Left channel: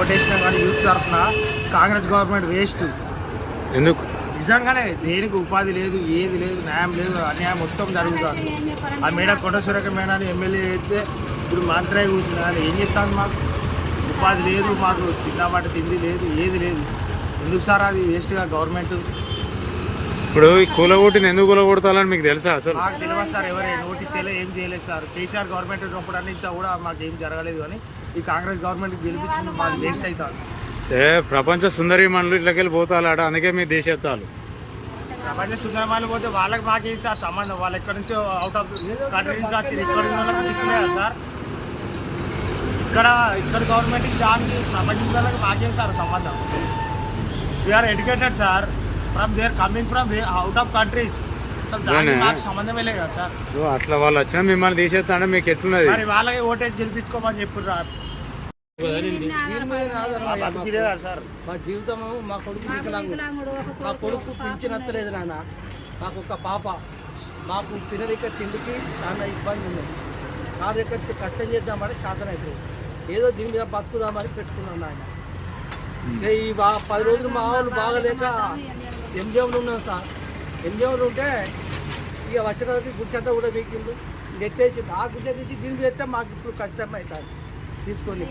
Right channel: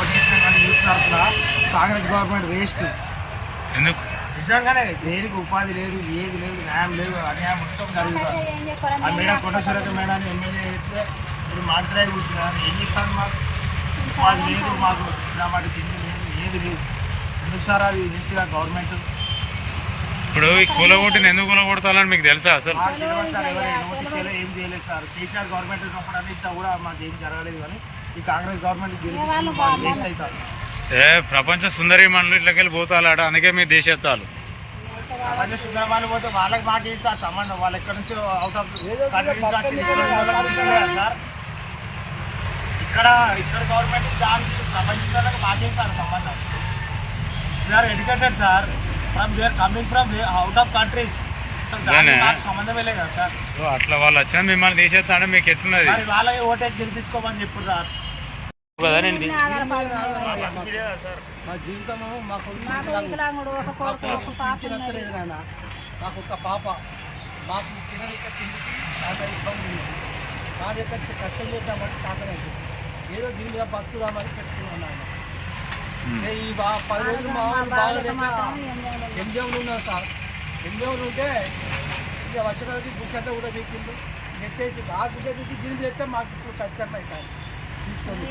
ఓటేసినా కానీ యూత్ తరఫున Congress government waste. ఎందుకు? నిజంగానే దేనికి ఉపాధి లేదు ఏది లేదు న్యాయం లేదు అన్యాయం మొత్తం జరుగుతుంది. ఆ మేడ కొండ సురేఖ మేడాన్ని ఎమ్మెల్యే అయితే ఇప్పుడు మంత్రి అయి కూర్చున్నా కానీ ఏం చెప్తాను మాకు? ఉపాధి లేదు మాకు తిందామంటే తిండి లేదు ఏది లేదు. ఎందుకు సార్ అది వేస్ట్గా గవర్నమెంట్? ఇప్పుడు ఈ కూలగొట్టిన ఎందుకు కూలగొడతాలని మీకు తెలుసా అసలు? మాకు తెలియదు సార్ ఎవరు నోటీస్ చేయలేదు ఏం చేయలేదు సార్. కేసీఆర్ గవర్నమెంట్ ఉన్నప్పుడు అంతా ఇంత కూడా మాకు ఏం జరగలేదు కానీ ఈ కాంగ్రెస్ గవర్నమెంట్ గెలిపించింది మాకు వేస్ట్ అవుతారు ఏ ప్రపంచ సుందరి మనలు ఇట్లకెళ్ళి పోతాలాడ అందుకే మీ దేశెత్తాలు. ప్రపంచ సుందరం వాళ్ళు పోతే వాళ్ళకి మాకేం సార్ సంబంధం? వాళ్ళు ఎక్కడి నుంచో అవుట్ ఆఫ్ కంట్రీ నుంచి వచ్చి ఇక్కడ ఉన్న వాళ్ళకి దిక్కులేదా సార్? ఇక్కడ ఇక్కడ గవర్నమెంట్ దానికి ప్రపంచం వాళ్ళకి మాకేం సార్ సంబంధం? We are educated sir from they are coming from out of countries అసలు దానికి. మాకు సంబంధమే లేదు కదా సార్. అట్లా వాళ్ళు వచ్చినా మిమ్మల్ని తీసేస్తా అంటే మీకు ఎట్లున్నది? మరి వాళ్ళకి ఓటేసి గెలిపించుకోమని చెప్పారు సార్. కదా నేను మా జీవితము మా కొడుకు. మా కొడుకు పింఛనత్తలేదు నాన్న. మాకు ఒక పాప. మాకు తినరిక తిండికి చాలా ఇబ్బంది ఉంది కారు ఎక్కడ కష్టం చేద్దామని సాధన అవుతుంది ఏదో దీని మీద బతుకుదామని పెట్టుకున్నాను నాయన. ఇక ఈ బా పది రోజులు మా వాళ్ళు బాగలేక ఎంజీఎంలు ఉన్నాం సార్? ఎంజీఎంలు ఉంటే ఇక వచ్చడానికి గుడిసంతా కూడా వీకిండు ఎత్తేసి ఆ గుడ్డ తీసి దీని మీద ఎత్తే మాకు ఇప్పుడు కష్టం అవుతుంది. తీసుకొని